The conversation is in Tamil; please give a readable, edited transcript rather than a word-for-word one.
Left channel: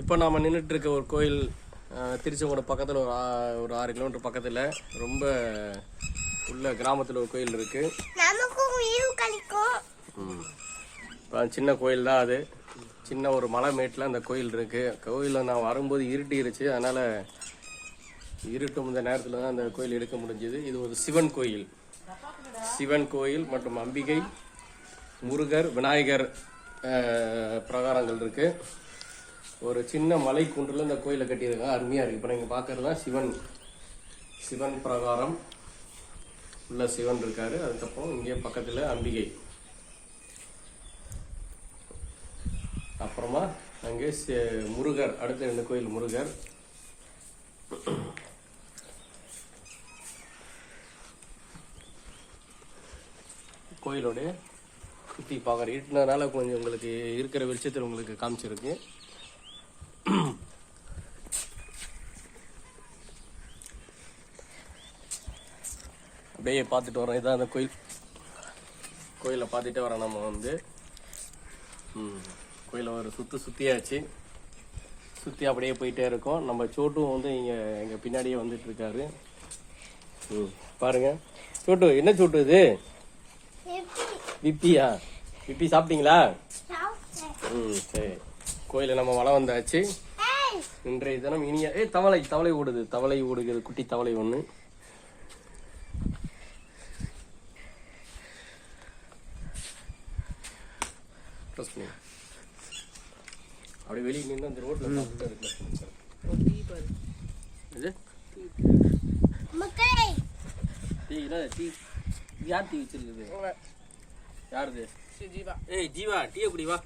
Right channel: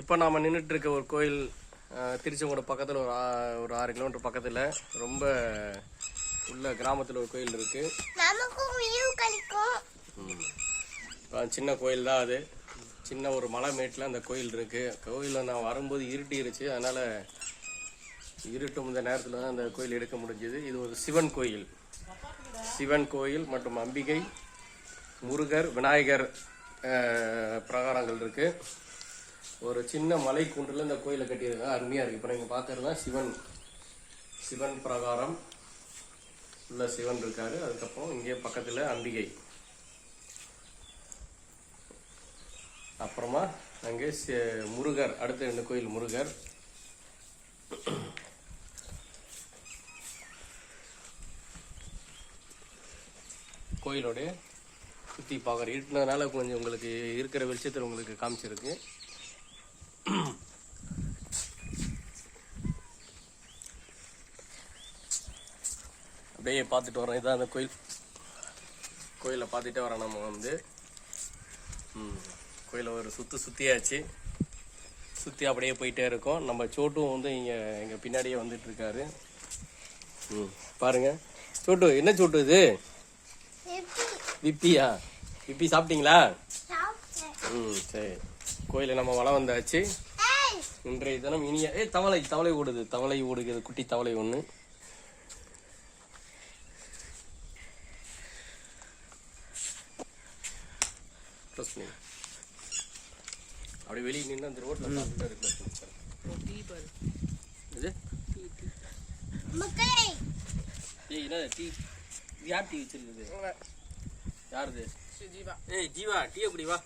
இப்போ நாம் நின்றுட்டு இருக்க ஒரு கோயில் திருச்செங்கோடு பக்கத்தில் ஒரு 6 கிலோமீட்டர் பக்கத்தில் ரொம்ப உள்ள கிராமத்தில் ஒரு கோயில் இருக்கு. சின்ன கோயில் தான் அது. சின்ன ஒரு மலை மேட்டில் அந்த கோயில் இருக்கு. கோயிலில் நான் வரும்போது இருட்டிருச்சு, அதனால இருட்டும் இந்த நேரத்தில் தான் அந்த கோயில் எடுக்க முடிஞ்சது. இது ஒரு சிவன் கோயில். சிவன் கோயில் மற்றும் அம்பிகை, முருகர், விநாயகர் பிரகாரங்கள் இருக்கு. ஒரு சின்ன மலை குன்றில் இந்த கோயிலை கட்டியிருக்காங்க. அருமையா இருக்கு. இப்போ நீங்க பாக்குறது தான் சிவன் பிரகாரம் உள்ள சிவன் இருக்காரு. அதுக்கப்புறம் இங்கே பக்கத்துல அம்பிகை, அப்புறமா அங்கே முருகர், அடுத்த 2 கோயில் முருகர். கோயிலோட சுற்றி பார்க்குற இருட்டினதுனால கொஞ்சம் உங்களுக்கு இருக்கிற வெளிச்சத்தில் உங்களுக்கு காமிச்சிருக்கு. அப்படியே பார்த்துட்டு வரோம். இதான் அந்த கோயிலை பார்த்துட்டே வரோம். நம்ம வந்து கோயிலை ஒரு சுற்றியாச்சு. சுற்றி அப்படியே போயிட்டே இருக்கோம். நம்ம சோட்டும் வந்து இங்கே எங்கள் பின்னாடியே வந்துட்டு இருக்காரு. பாருங்க சோட்டு. என்ன சோட்டு இது? விப்பியா? விப்பி சாப்பிட்டீங்களா? சரி. கோயில நம்ம வளம் வந்தாச்சு. இன்றைய தினம் இனிய தவளை ஓடுகிறது. குட்டி தவளை ஒண்ணு. அப்படி வெளியே நின்று அந்த ரோட்ல யார் டீ வச்சிருக்குது? யாருது? ஜீவா. ஜீவா டீ குடி வா.